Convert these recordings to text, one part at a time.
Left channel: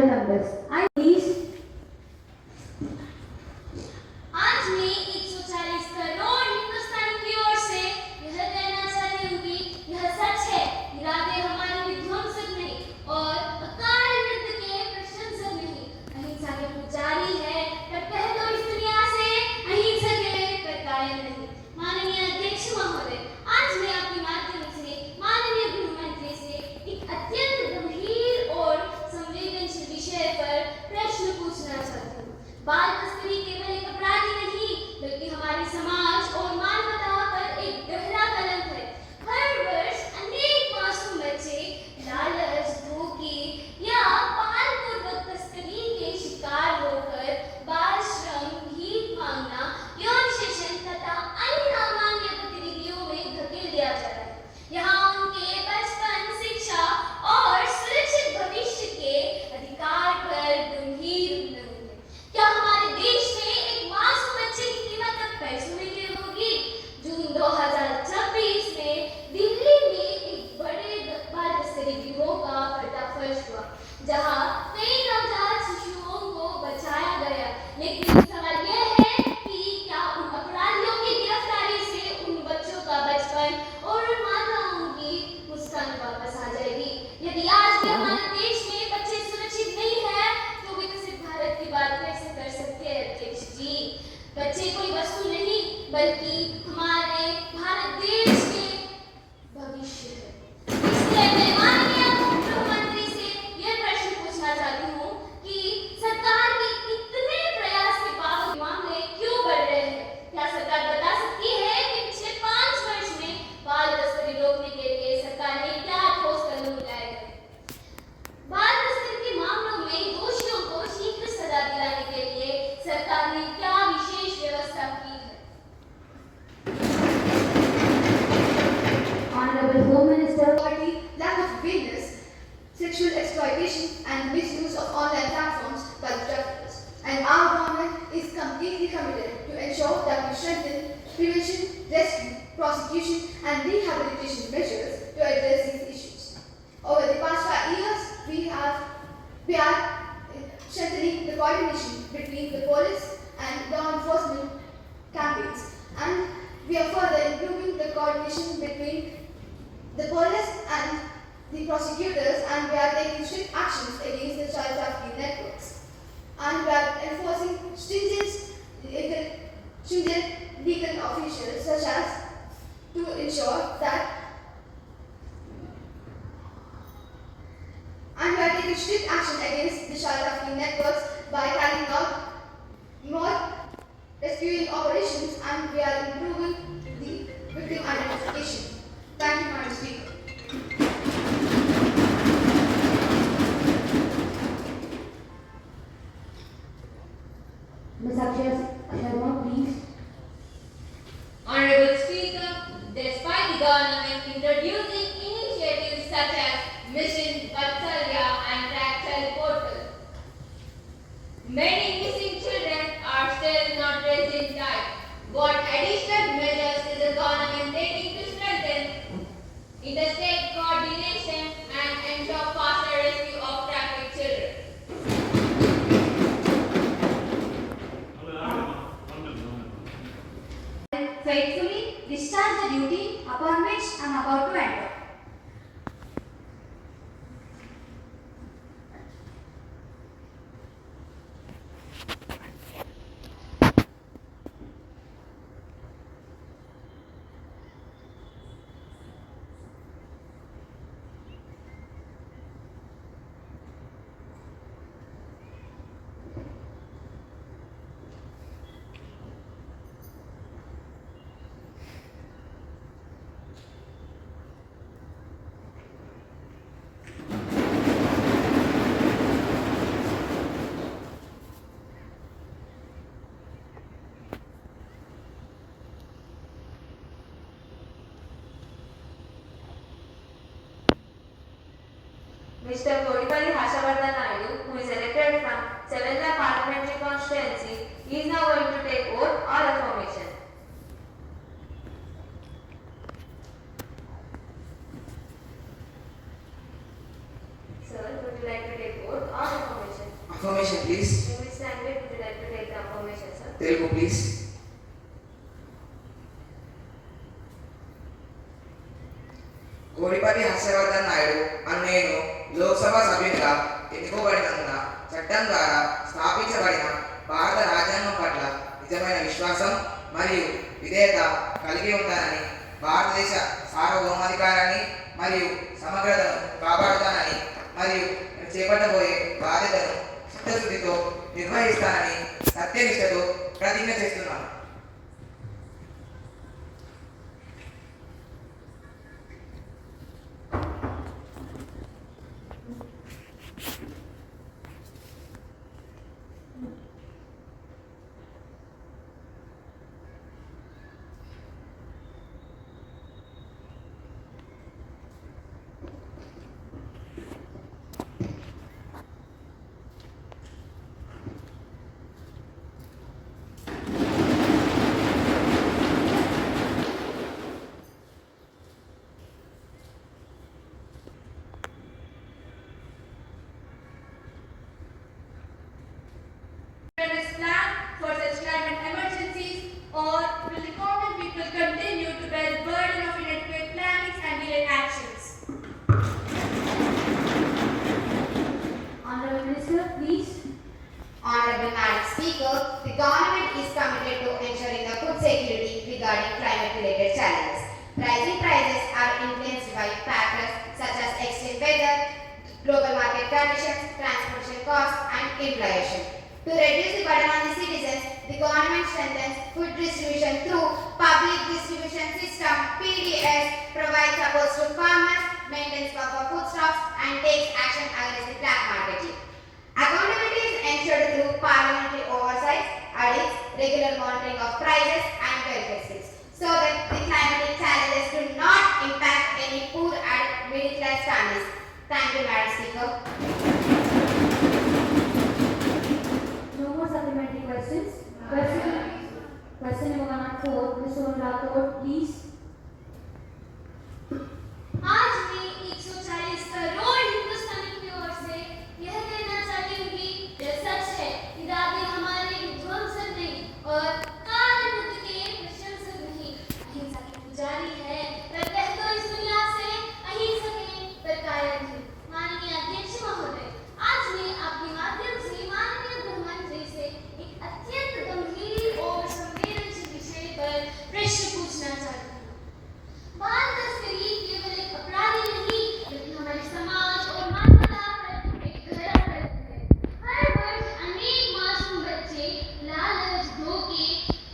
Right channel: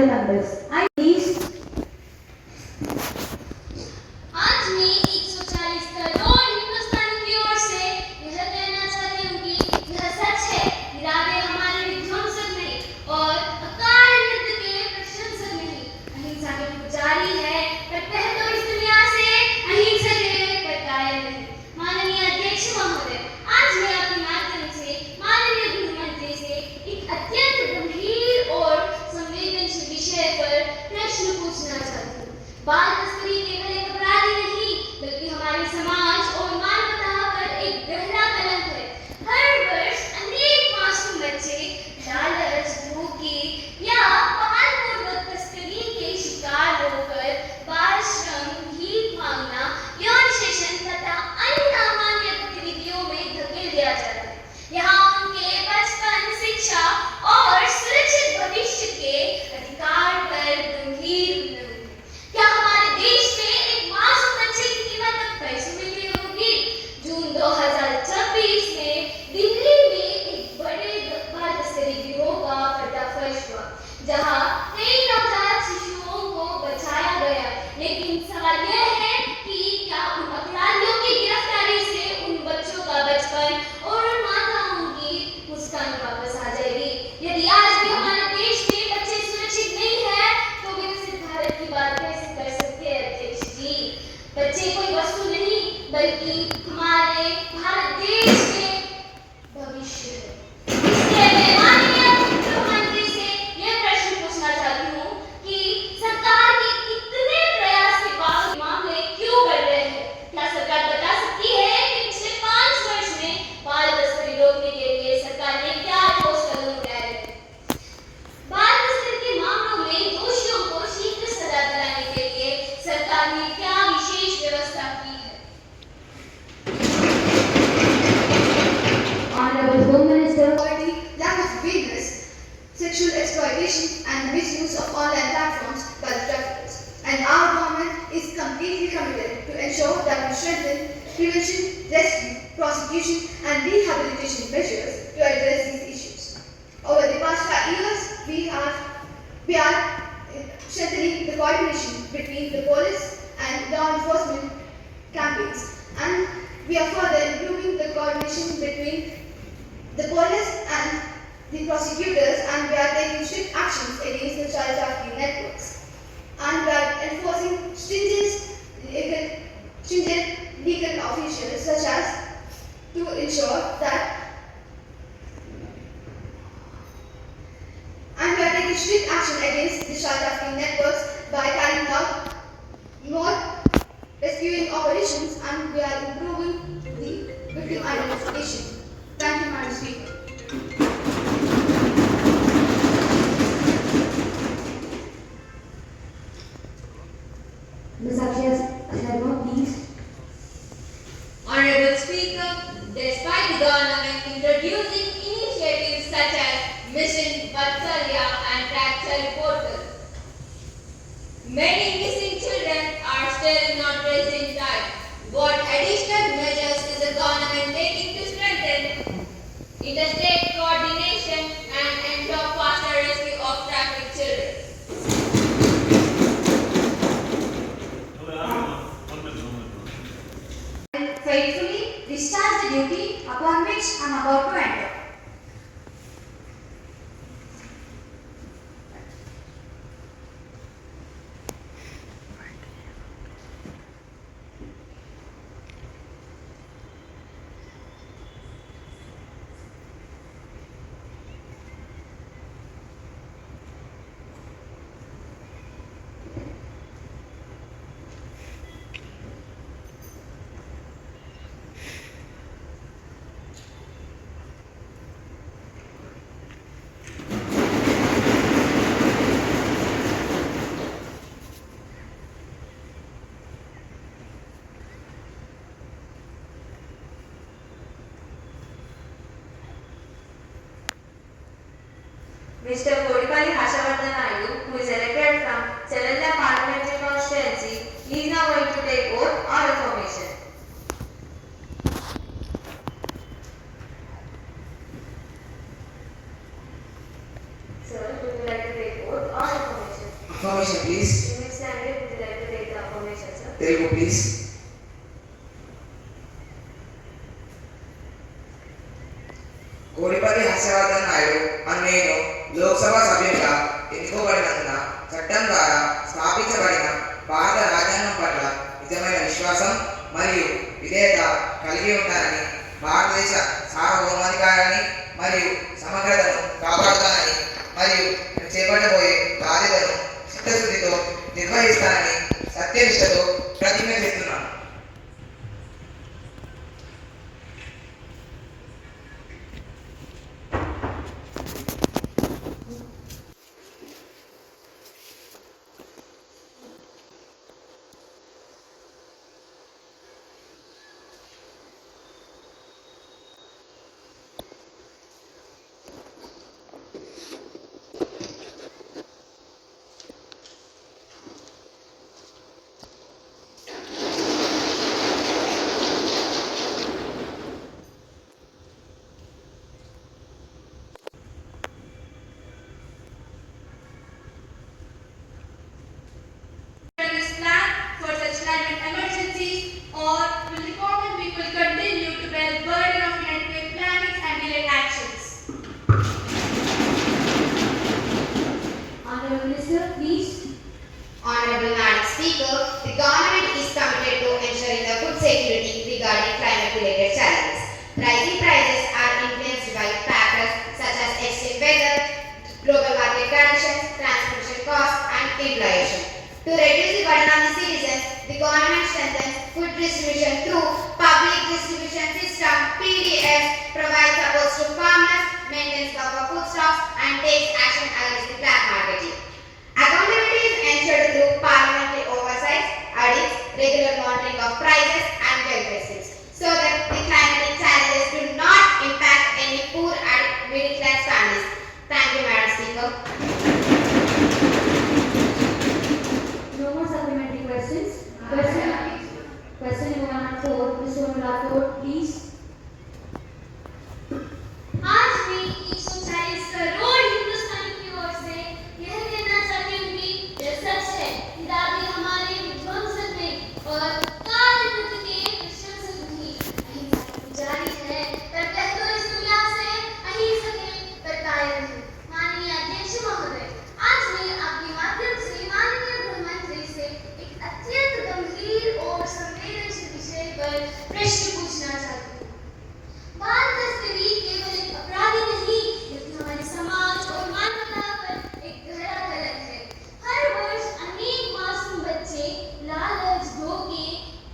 honorable members, I please. आज मैं 140 करोड़ हिंदुस्तानी की ओर से यह कहना चाहती हूँ कि यह सच है, इरादे हमारे विध्वंसक नहीं और अकाल युद्ध के प्रशंसक नहीं, अहिंसा के पुजारी है, पर पहले तो इस दुनिया से अहिंसा के पर कायल नहीं। माननीय अध्यक्ष महोदय, आज मैं आपके माध्यम से माननीय गृहमंत्री से एक अत्यंत गंभीर और संवेदनशील विषय पर प्रश्न पूछना चाहती हूँ। बाल तस्करी केवल एक अपराधी नहीं, बल्कि हमारे समाज और मानवता पर एक गहरा कलंक है। हर वर्ष अनेक मासूम बच्चे लालच, धोखे या बलपूर्वक तस्करी के शिकार होकर बाल श्रम, भीख मांगना, यौन शोषण तथा अन्य अमान्य गतिविधियों में धकेल दिया जाता है। यहाँ उनके बचपन, शिक्षा और सुरक्षित भविष्य के अधिकार पर गंभीर उल्लंघन है। क्या हमारे देश में एक मासूम बच्चे की कीमत अब पैसों में तय होगी? जून 2026 में दिल्ली में एक बड़े बाल तस्करी गिरोह का पर्दाफाश हुआ, जहां कई नवजात शिशुओं को बचाया गया। लेकिन सवाल यह है कि क्या उन अपराधियों की गिरफ्तारी से उन बच्चों का बचपन और उन माताओं की मुस्कान वापस आ जाएगी? यदि आज भी हमारे देश में बच्चे सुरक्षित नहीं है, तो विकसित भारत की बात कैसे कर सकते हैं अध्यक्ष जी? बच्चे कोई वस्तु नहीं, बल्कि हमारे भारत देश के भविष्य है। इसलिए मैं माननीय मुख्यमंत्री से यह प्रश्न पूछना चाहती हूँ कि सरकार के इतने प्रयास के बाद मामले क्यों बढ़ रहे हैं? क्या सरकार बता सकती है कि पिछले 5 वर्ष में बाल तस्करी रोकने के लिए सरकार ने क्या ठोस कदम उठाए हैं? बाल तस्करी के मामलों में दोषियों को शीघ्र सजा दिलाने के लिए सरकार ने क्या विशेष व्यवस्था की है? Honorable Home Minister, Poverty, lack of awareness, sexual exploitation and misuse of online platforms by the traffickers. And our government is completely committed to ensure that we strengthen prevention, rescue, prosecution and rehabilitation measures to address these issues. Over the past 5 years, we are strengthening the coordination between the police and law enforcement campaigns, and we are further improving the coordination between the police and the prosecutors, and we are taking strict actions against the child trafficking networks, and we are enforcing stringent legal officials such as to ensure that, and we are taking strict action against the child trafficking networks by carrying out more rescuing operations, and we are improving the victim identification. Thank you, Madam Speaker. Ms. Akshay Sharma, please. Honorable Speaker, despite the government introducing initiatives such as Mission Vatsalya and Track Child Portal, many missing children are still not traced in time. What additional measures is the government taking to strengthen interstate coordination and ensure faster rescue of trafficked children? Faithfully discharge the duty upon which I am about to enter. Mr. Kodipalli Hashavardhan Naidu, who is elected from Chavella Parliamentary Constituency, he is now going to take oath or affirmation. Sir, would you like to take oath or affirmation? Affirmation, please. In which language would you like to take the affirmation, sir? Telugu, please. Kodipalli Harshavardhan Naidu అని నేను లోక్సభ సభ్యునిగా ఎన్నుకోబడినందున చట్టం ద్వారా స్థాపించబడిన భారత రాజ్యాంగం పట్ల నిజమైన విశ్వాసం మరియు విధేయత కలిగి ఉంటానని, భారతదేశ సార్వభౌమాధికారాన్ని మరియు సమగ్రతను కాపాడుతానని మరియు చేపట్టబోయే బాధ్యతను చిత్తశుద్ధితో నిర్వహిస్తానని సత్యనిష్టతో ప్రతిజ్ఞ చేస్తున్నాను. This plan for such climate emergencies, or will the common people continue to bear the burden of inadequate plannings and delayed actions? Honorable Minister, please. Honorable Madam Speaker, the government is committed to ensuring the food security regarding climate-related challenges. Rising prices are influenced by factors such as extreme weather, global market conditions, transportation costs, and inflation. To reduce the burden on the citizens, the government strengthens food distribution through public distribution system (PDS), provides support to farmers, maintains buffer food stocks, and takes action against the black marketing. Accountability is ensured through parliamentary oversight, audits, regular monitoring of prices, and welfare schemes, so that the climatic challenges do not impact any poor and middle-class families. Thank you, Madam Speaker. No more supplementary questions. Question number 104. Ms. Sonal Rathod, please. आज मैं 140 करोड़ हिंदुस्तानी की ओर से यह कहना चाहती हूँ कि यह सच है, इरादे हमारे विध्वंसक नहीं और कारणबद्ध के प्रशंसक नहीं। अहिंसा की पुजारी है, पर कह दो इस दुनिया से अहिंसक है, पर कायर नहीं। माननीय अध्यक्ष महोदय, आज मैं आपके माध्यम से माननीय गृह मंत्री से एक अत्यंत गंभीर और संवेदनशील विषय पर प्रश्न पूछना चाहती हूँ। बाल तस्करी केवल एक अपराधी नहीं, बल्कि हमारे समाज और मानवता पर एक गहरा कलंक है। हर वर्ष अनेक मासूम बच्चे लालच, धोखे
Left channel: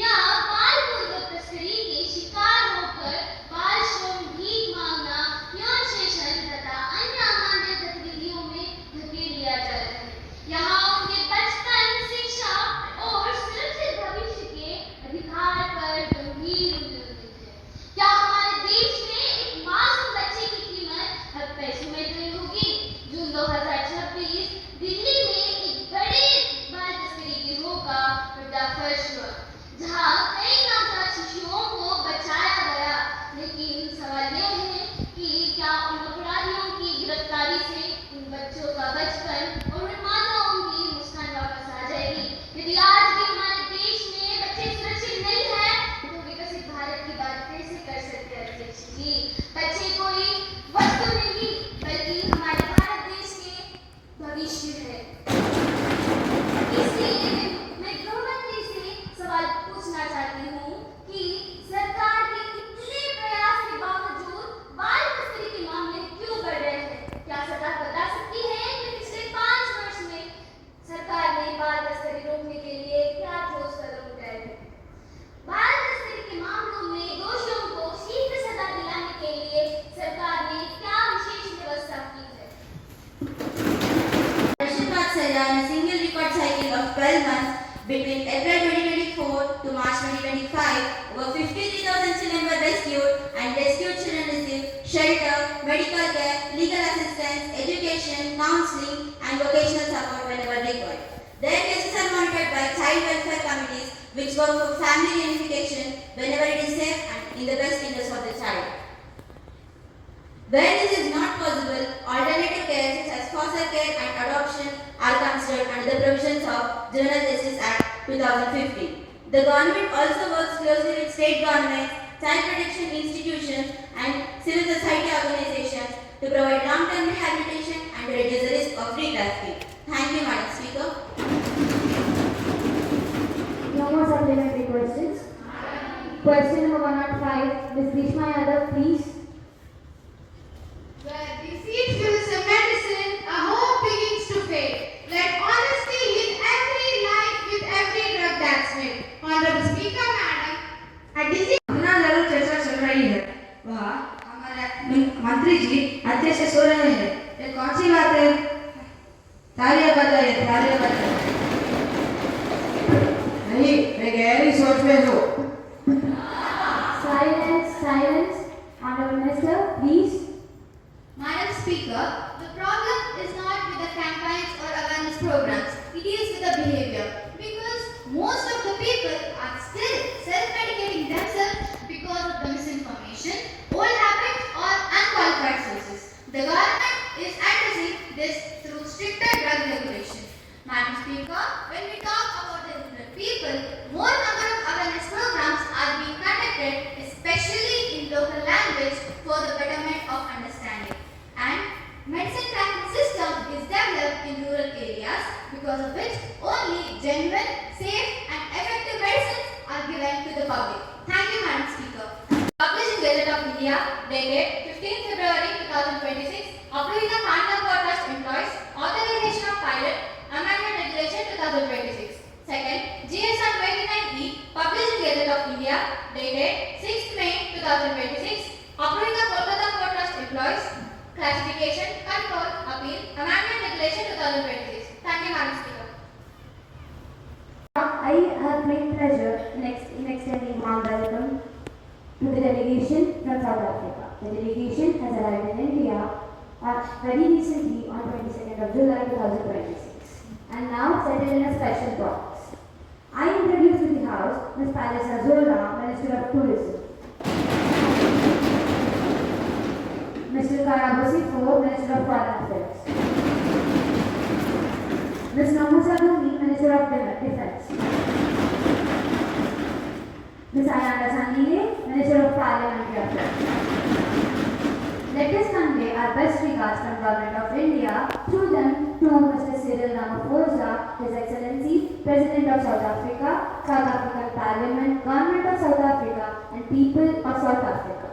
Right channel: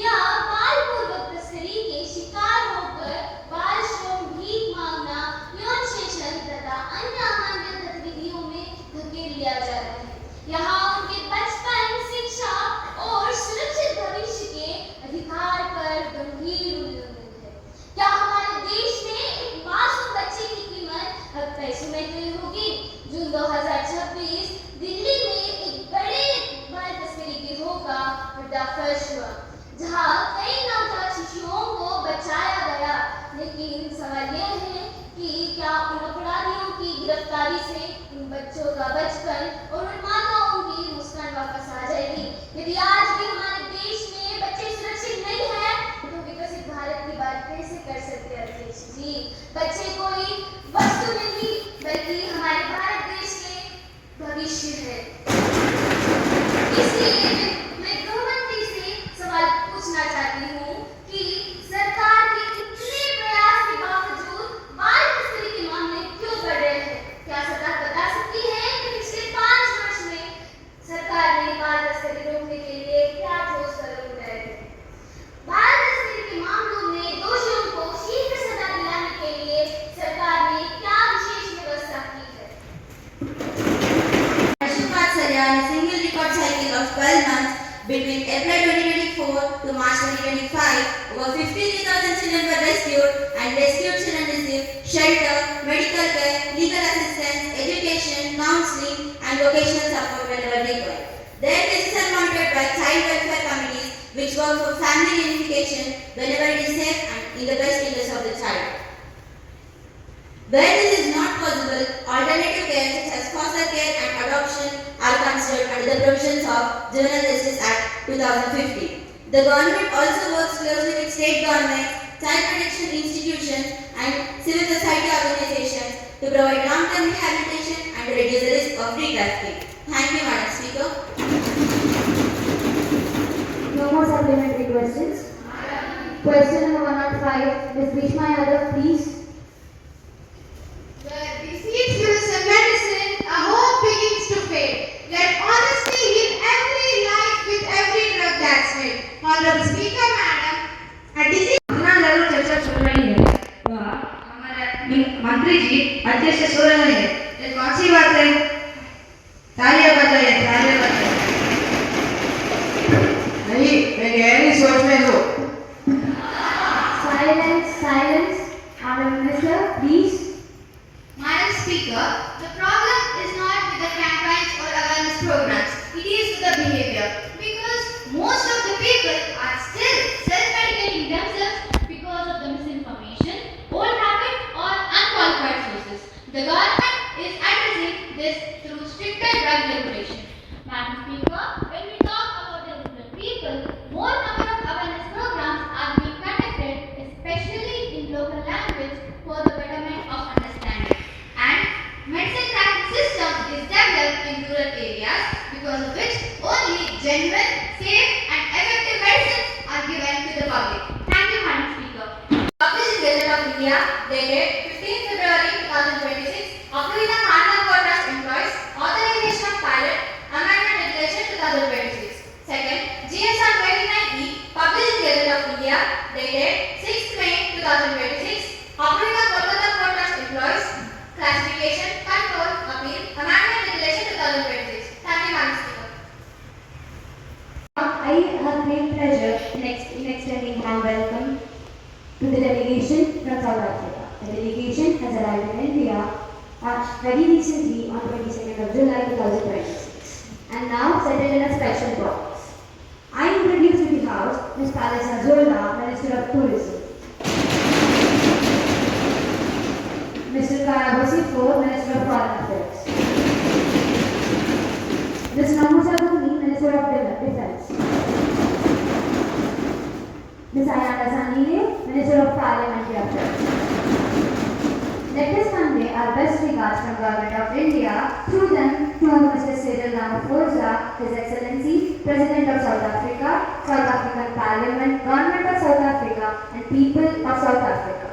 या बालपूर्वक तस्करी के शिकार होकर बाल श्रम, भीख मांगना, यौन शोषण तथा अन्य अमानवीय गतिविधियों में धकेल दिया जा रहा है। यहाँ उनके बचपन, शिक्षा और सुरक्षित भविष्य के अधिकार पर गंभीर उल्लंघन है। क्या हमारे देश में एक मासूम बच्चे की कीमत अब पैसों में तय होगी? जून 2026 दिल्ली में एक बड़े बाल तस्करी गिरोह का पर्दाफाश हुआ, जहां कई नवजात शिशुओं को बचाया गया। लेकिन सवाल यह है कि क्या उन अपराधियों की गिरफ्तारी से उन बच्चों का बचपन और उन माताओं की मुस्कान वापस आ जाएगी? यदि आज भी हमारे देश में बच्चे सुरक्षित नहीं हैं, तो विकसित भारत की बात कैसे कर सकते हैं अध्यक्ष जी? बच्चे कोई वस्तु नहीं, बल्कि हमारे भारत देश के भविष्य है। इसलिए मैं गृहमंत्री से सवाल पूछना चाहती हूँ कि सरकार के इतने प्रयास के बावजूद बाल तस्करी के मामले क्यों बढ़ रहे हैं? क्या सरकार बता सकती है कि पिछले 5 वर्ष में सरकार ने बाल तस्करी रोकने के लिए क्या ठोस कदम उठाए हैं? बाल तस्करी के मामलों में दोषियों को शीघ्र सजा दिलाने के लिए सरकार ने क्या विशेष व्यवस्था की है? Question mark Sarya in a single record cycle of 12 months between April 2024 to March 2025, over 53,000 children were rescued, and rescued children received shelter, medical care, legal assistance, education, counseling, and vocational support whenever required. Their cases are monitored by child welfare committees, which work for family unification whenever it is safe and in the best interest of the child. Where this is not possible, alternative care such as foster care and adoption are considered under the provisions of Juvenile Justice Act 2015. The government also works closely with state governments, child protection institutions, and civil society organizations to provide long-term rehabilitation and to reduce the risk of retrafficking. Thank you, Madam Speaker. No more supplementary questions. Question number 105, Ms. Bhishma Yadav, please. Where deceit fills a medicine, a hope begins to fade. Let honesty heal every life with every drug that's made. Honorable Speaker, Madam, a disease. अपना जरूर चर्चा चल रही है वह हमारे मंत्री जी अध्यक्ष सो रहे हैं ये कौन सी बात है तालियां बजाइए नहीं मैं गहरी सोच में हूँ Silence. Honorable Minister, please. Madam Speaker, the problem is not with the campaigns or awareness programs. It is with the behavior. Because most of the people are still self-medicating themselves because of the misinformation, old habits or unqualified sources. The government is addressing this through stricter drug regulation. Madam Speaker, when we talk about the rural people, more number of awareness programs are being conducted, especially in local language for the betterment of understanding. And medicine tracking system is developed in rural areas because of which only genuine, safe and effective medicines are given to the public. Thank you, Madam Speaker. Published in Gazette of India, dated 15 February 2026, approving the Carnival Quotas Employees, Authorization of Pilot, Amendment Regulation 2026. Second, GSR 29E, published in Gazette of India, dated 6 May 2026, approving the Kolkata Quotas Employees, Classification, Control, Appeal, Amendment Regulation 2026. Thank you, Madam Speaker. I have great pleasure in extending warm welcome to the delegation from South Africa. The delegation has arrived in India very recently on 22nd of July 2026 and now settled in a special box. I introduce to the House Ms. Palisa Zola, Minister of Tourism. Mr. Karabasifo, Minister of Foreign Affairs. Ms. Namusa Gandhi, Minister of Defense. Ms. Ayana Sandhile, Minister of Parliamentary Affairs. Let us convey our best regards from Government of India through them to Mr. Cyril Ramaphosa, His Excellency, President of South Africa, South African Parliament, Government of South Africa and people of South Africa.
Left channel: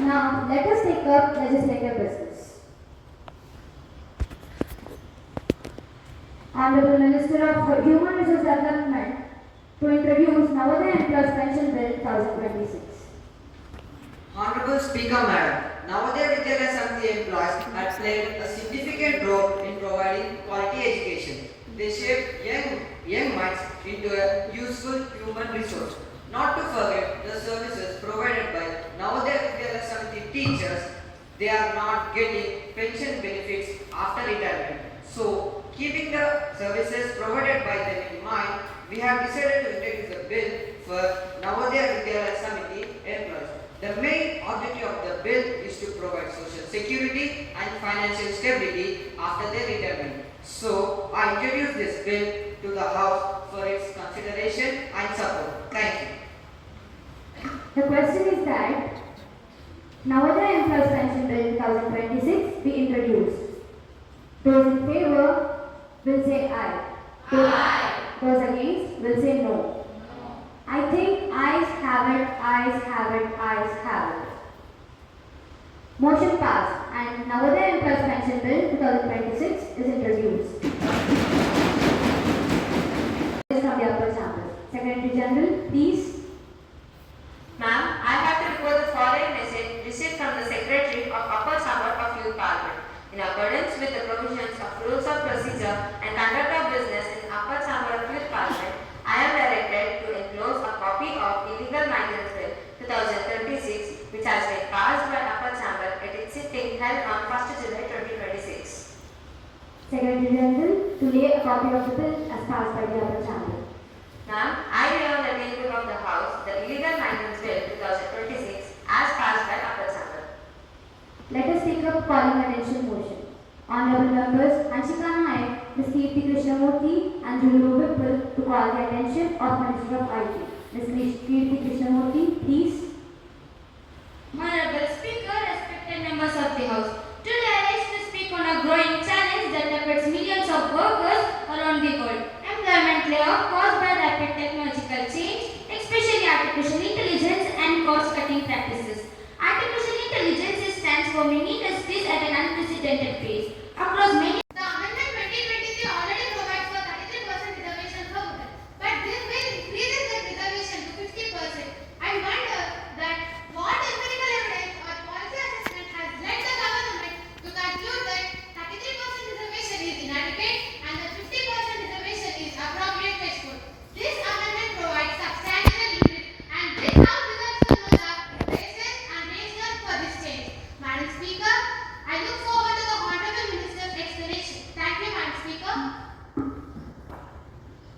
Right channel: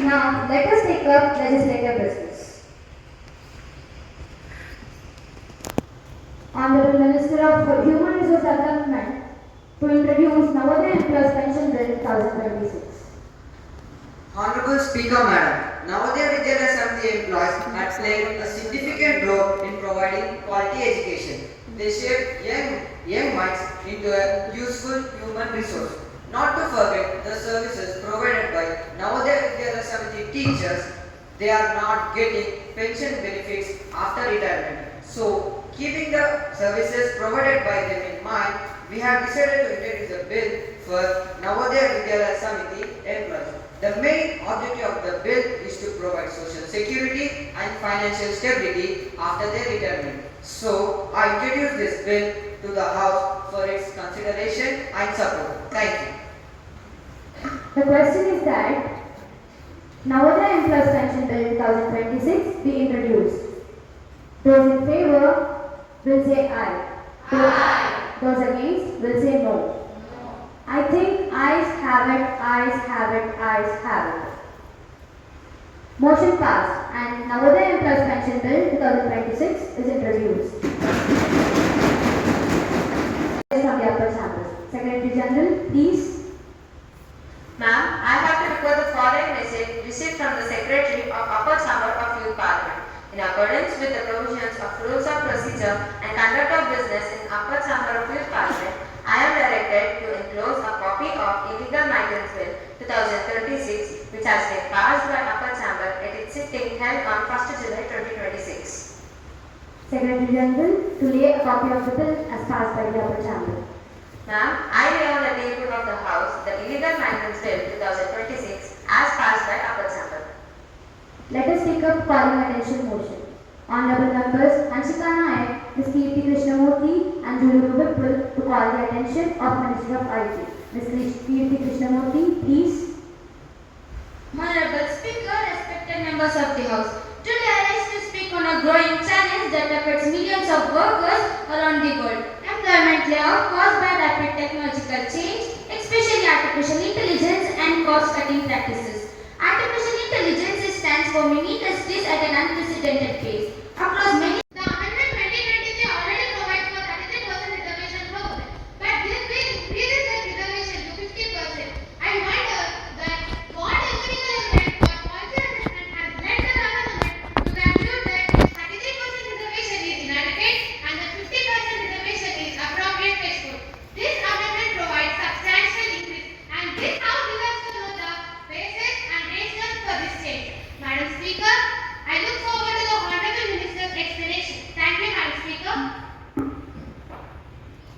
Now, let us take up legislative business. Honorable Minister of Human Resource Development to introduce Navodaya Employees Pension Bill 2026. Honorable Speaker, Madam, Navodaya Vidyalaya Samiti employees have played a significant role in providing quality education. They shape young minds into a useful human resource. Not to forget the services provided by Navodaya Vidyalaya Samiti teachers. They are not getting pension benefits after retirement. So, keeping the services provided by them in mind, we have decided to introduce a bill for Navodaya Vidyalaya Samiti employees. The main objective of the bill is to provide social security and financial stability after their retirement. So, I introduce this bill to the House for its consideration and support. Thank you. The question is that Navodaya Employees Pension Bill 2026 be introduced. Those in favor will say aye. Those against will say no. I think ayes have it. Motion passed and Navodaya Employees Pension Bill 2026 is introduced. From the upper sample. Secretary General, please. Ma'am, I have to report the following message received from the Secretary of Upper Chamber of Youth Parliament. In accordance with the provisions of Rules of Procedure and Conduct of Business in Upper Chamber of Youth Parliament, I am directed to enclose a copy of Illegal Migrants Bill 2036, which has been passed by Upper Chamber at its sitting held on 1st July 2026. Secretary General, to lay a copy of the bill as passed by the Upper Chamber. Ma'am, I lay on the table of the House the Illegal Migrants Bill 2026 as passed by Upper Chamber. Let us take up calling attention motion. Honorable members Anshika Nayak, Ms. Kirti Krishnamurthy and Jnv Rr to call the attention of Minister of IT. Ms. Kirti Krishnamurthy, please. Honorable Speaker, respected members of the House, today I rise to speak on a growing challenge that affects millions of workers around the world. Employment layoff caused by rapid technological change, especially artificial intelligence and cost-cutting practices. Artificial intelligence stands for many industries at an unprecedented pace. Across many The Amendment 2023 already provides for 33% reservation for women, but this bill increases that reservation to 50%. I wonder that what empirical evidence or policy assessment has led the government to conclude that 33% reservation is inadequate and that 50% reservation is appropriate threshold. This amendment provides substantial increase, and this House deserves to know the basis and rationale for this change. Madam Speaker, I look forward to the Honorable Minister's explanation. Thank you, Madam Speaker.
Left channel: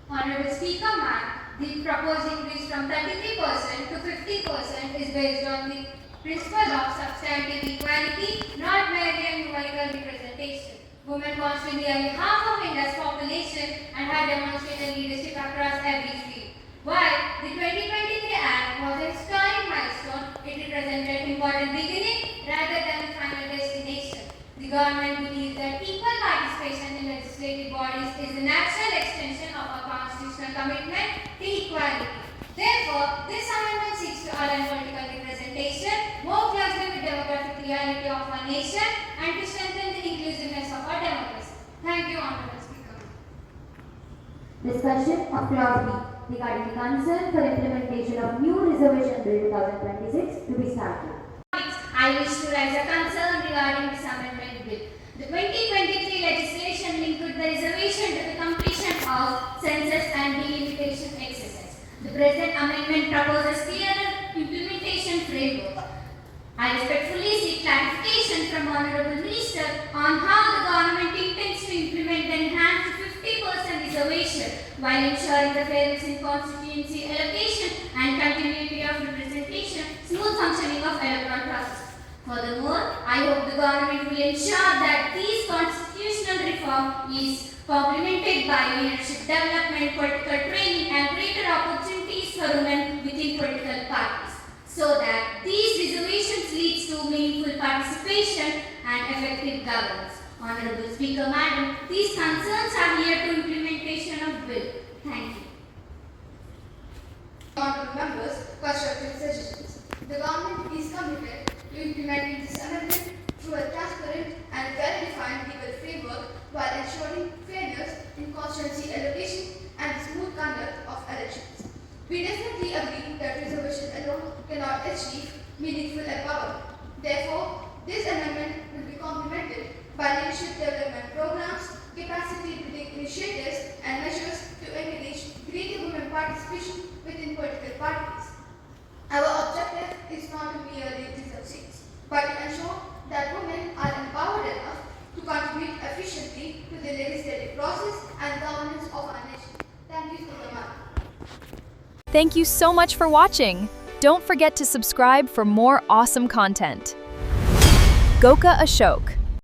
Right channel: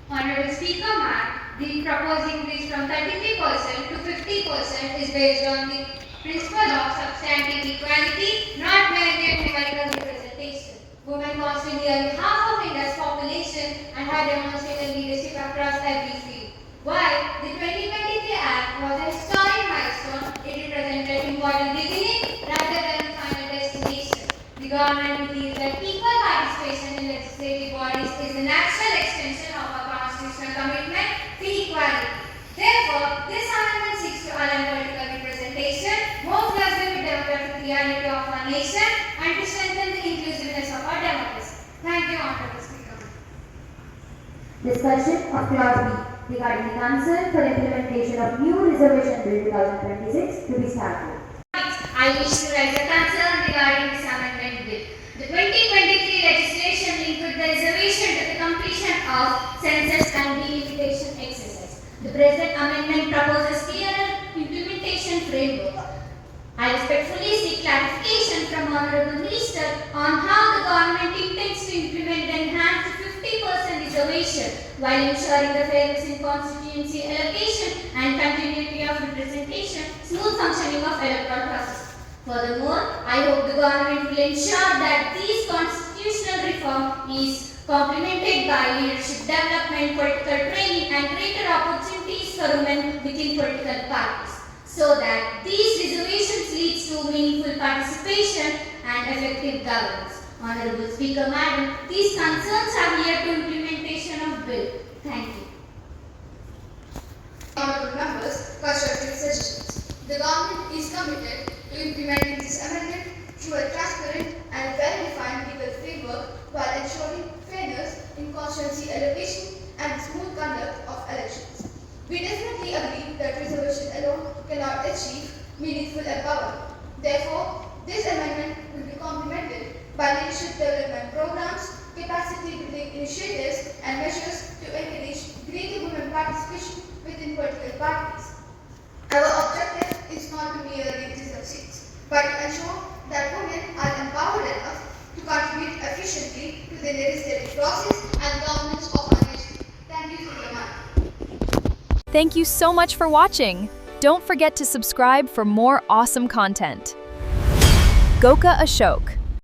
Honorable Speaker, ma'am, the proposed increase from 33% to 50% is based on the principle of substantive equality, not merely numerical representation. Women constitute nearly half of India's population and have demonstrated leadership across every field. While the 2023 Act was a historic milestone, it represented important beginning rather than a final destination. The government believes that equal participation in legislative bodies is a natural extension of our constitutional commitment to equality. Therefore, this amendment seeks to align political representation more closely with demographic reality of our nation and to strengthen the inclusiveness of our democracy. Thank you, Honorable Speaker. Discussion of Clause B regarding the concern for implementation of new Reservation Bill 2026 to be started. I wish to raise a concern regarding this amendment bill. The 2023 legislation linked with the reservation to the completion of census and delimitation exercise. The present amendment proposes clearer implementation framework. I respectfully seek clarification from Honorable Minister on how the government intends to implement the enhanced 50% reservation while ensuring the fairness in constituency allocation and continuity of representation, smooth functioning of electoral process. Furthermore, I hope the government will ensure that this constitutional reform is complemented by leadership development, political training and greater opportunities for women within political parties, so that these reservations lead to meaningful participation and effective governance. Honorable Speaker, Madam, these concerns are near to implementation of bill. Thank you. Honorable members, constructive suggestions. The government is committed to implementing this amendment through a transparent and well-defined legal framework while ensuring fairness in constituency allocation and smooth conduct of elections. We definitely agree that reservation alone cannot achieve meaningful empowerment. Therefore, this amendment will be complemented by leadership development programs, capacity building initiatives, and measures to encourage greater women participation within political parties. Our objective is not to merely reserve seats, but to ensure that women are empowered enough to contribute efficiently to the legislative process and governance of our nation. Thank you for your time. Thank you so much for watching. Don't forget to subscribe for more awesome content. Goka Ashok.